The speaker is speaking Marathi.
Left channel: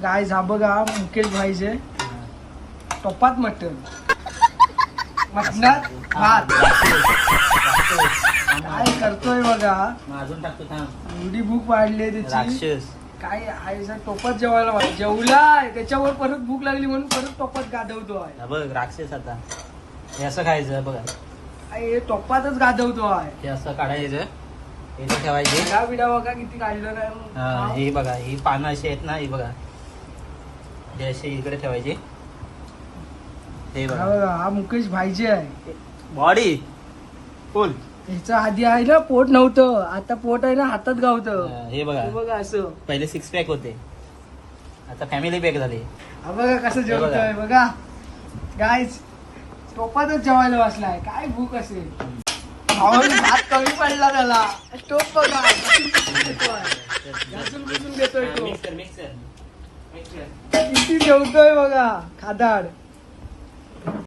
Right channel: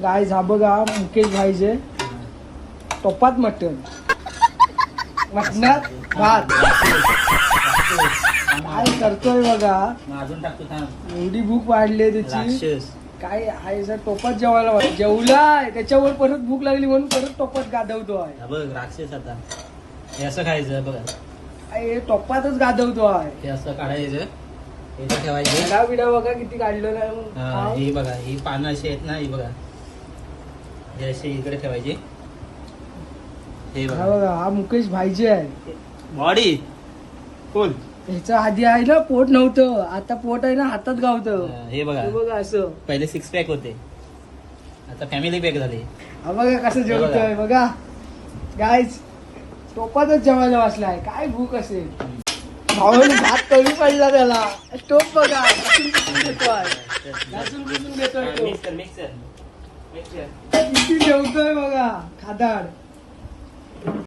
गाईज हा बघा मुकेश भाईचे टोपात मटण मटणात भात काय करतोय बघा. अजून टाकतो थांब. एवढी भूक वाढली त्याची राक्षस काय आहे टोपात जेवायला जेवलाय त्याच्यावर परत भूक लागली म्हणून परत टोपात गाधवतो आहे. हा बघ राक्षस. आता हे असं खायचं बघा. हे टोपातच गाधवतो आहे. हे असं काढायचं इथे ठेवायचे. विडा विडा बघा किती काढलं हा काय. ही बघा ही पानं अशी आहेत ना ही बघा हे अशी इकडे ठेवायची. हे हा बघा बघा हा मुकेश भाईचे आहे. बॉडी फुल. ह्याच्या आधी आहे ना पोट नव्हतं आता पोट आहे ना हातात गावतं. हे बघा हे बघा असं पहिले 6 पॅक होते आता फॅमिली पॅक झाले. हा बघा कसं जेवतोय बघा गाईज टोपातच जेवायला बसलाय काय भूक असेल. भावाने भात कमी पडला त्याला टोप बघा घासून बुसून घेतोय तो मिक्सर किती जेवतोय बघा खादाड.